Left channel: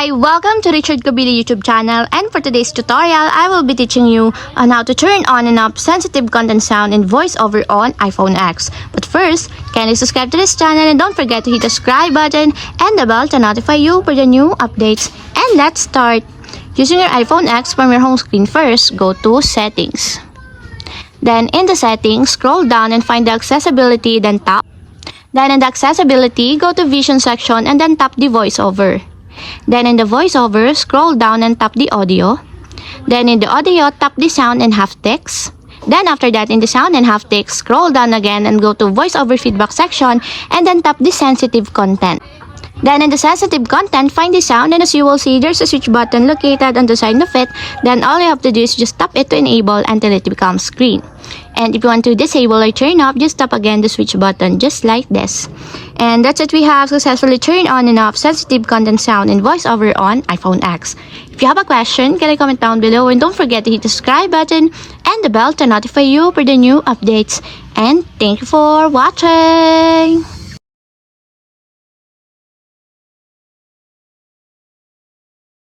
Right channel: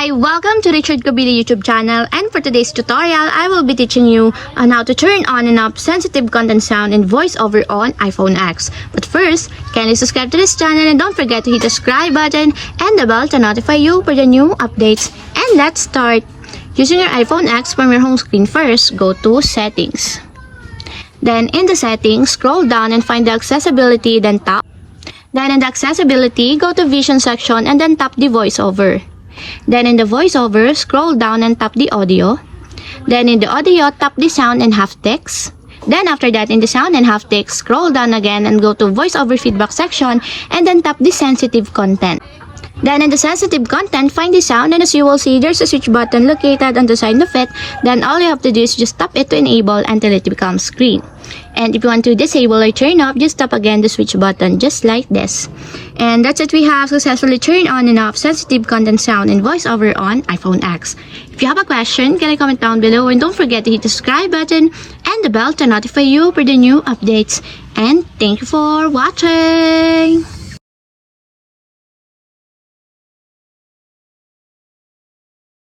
Hi, welcome to Richard Kabili YouTube channel, and for today's tutorial, I will be teaching you on how to turn on and off sensitive content sound and voiceover on iPhone X. But first, kindly subscribe to this channel and don't forget to hit the subscribe button and the bell to notify you for the new updates. And let's start. Using your iPhone X from your home screen first, go to Settings. Then in the Settings, scroll down and find the Accessibility, then tap. Then in the Accessibility, go to Vision section and then tap the voiceover. Then in the voiceover, scroll down and tap the audio. Then in the audio, tap the sound and half text. Then after that, in the sound and half text, scroll down again and go to voiceover feedback section and then tap the sensitive content. Then in the sensitive content, find the sound, and as you will see, there's a switch button located on the side of it. Then all you have to do is just tap it to enable until it becomes green. And if you want to disable or turn off, just tap again the switch button just like this. And that's it, we have successfully turned on and off sensitive content sound and voiceover on iPhone X. If you have a question, can I comment down below, and don't forget to hit the subscribe button and the bell to notify you for the new updates. And thank you for watching!